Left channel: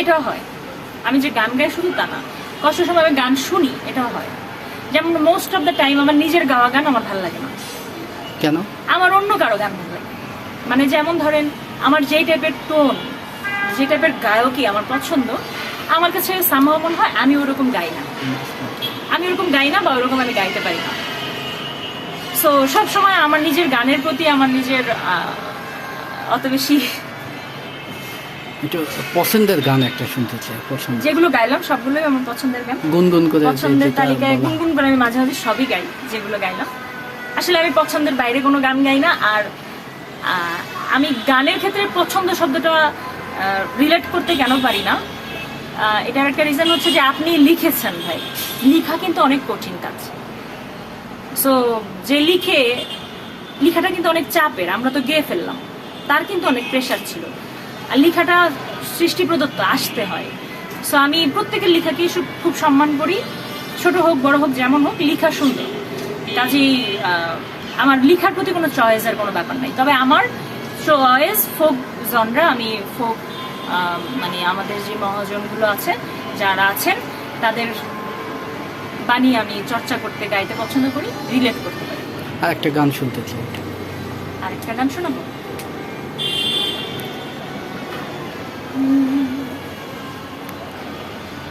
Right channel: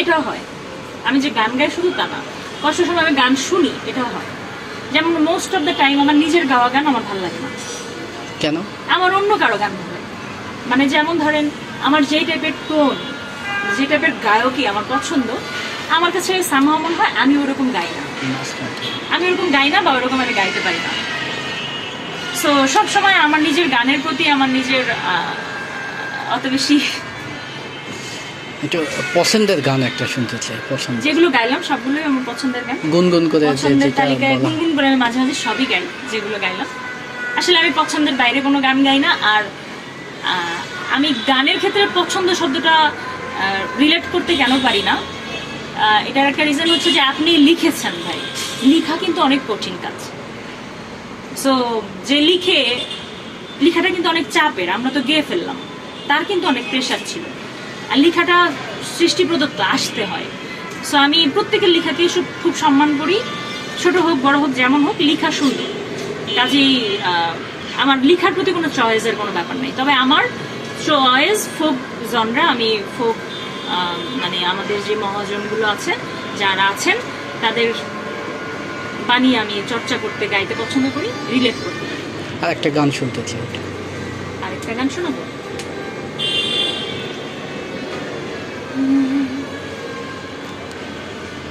এটাও হয়। আমি যে গান গাই শুধু তা না, কষ্টের সময় আমি গান শুনি, এটাও হয়। যেমন মোস্ট অফ দ্য টাইম আমার নিজের গাওয়া গান আমার ভালো লাগে না। কেন? আমার অন্য কারো গান ভালো লাগে। মানে যেমন ধরেন আমার যে টাইপের টোন, যে টাইপের গায়কই আমার পছন্দ, আমার কাছে সামহাও মনে হয় আমি ওরকম গাই না, আমি ওরকম গাই না বা ওরকম আমি গাইতে পারি না। সো সবসময় আমার নিজের গানের প্রতি আমার নিজের অত বেশি, একটু পছন্দের গান একটা শুনতে চাই। পছন্দ যেগুলো গাইলাম সবগুলোই আমার পছন্দের গান। গুনগুন করে পছন্দের যেটা তালিকায় বলা। গুনগুন করে আমি মাঝে মাঝে সবই গাই, যেগুলো গাইলাম। আসলে আমি পছন্দের বাইরে কোনো গান গাই না। আর আমি গানের ক্ষেত্রে পছন্দ শব্দটা রিলেট করতে কেন পারি না, এটার একটা রিজন হচ্ছে যে আপনি লিখেছেন ভাই, লিখা কিন্তু অনেক কঠিন কাজ। সো যে লিখাটা কিন্তু অনেক চাপের, আমরা তো গেয়ে ফেললাম, তার কিন্তু অনেক প্রেশার ছিল। আর লিখাটা সৃষ্টি প্রদত্ত, আসতে হয়। সো আমি প্রত্যেকের লিখাকেই খুব সম্মান করি, ছোট হোক বড় হোক যেমন হোক, লিখা সুন্দর। কাজেই আমার লিখার প্রতি কোনো চয়েসের কোনো ব্যাপার নেই। তবে আমার চয়েস ফোক জনরা, আমি ফোক মানে আমাদের যে মহাজনগুলো আছে, যারা আছেন, তাদের বাণী আমি চর্চা করতে, গাইতে পছন্দ করি, রিলেট করতে পারি। আর একটা গান শুনতে চাই। আরেকটা গান শোনাবো।